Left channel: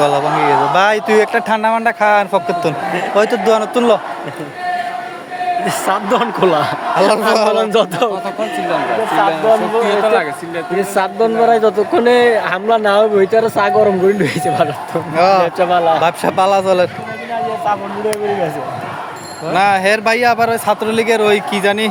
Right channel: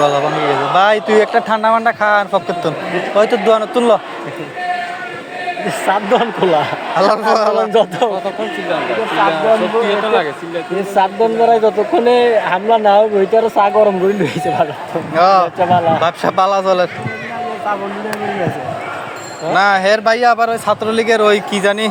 গলা বন্ধ হয়ে গেছে ভাই তুই একটা ঠান্ডা মান্ডা খা আর ফক করতুন ওই তো দোয়ানো তুললো সাবধান খোলা আল্লাহ যত সাবধান বেড়ায় যতক্ষণে হামলা না হবে ওইটার চা গরম করে নিয়েছে ভালো ব্যবসা পালা চলে না হের ভাইয়া আবার ওই ছাত্রলীগের ওই কি জানি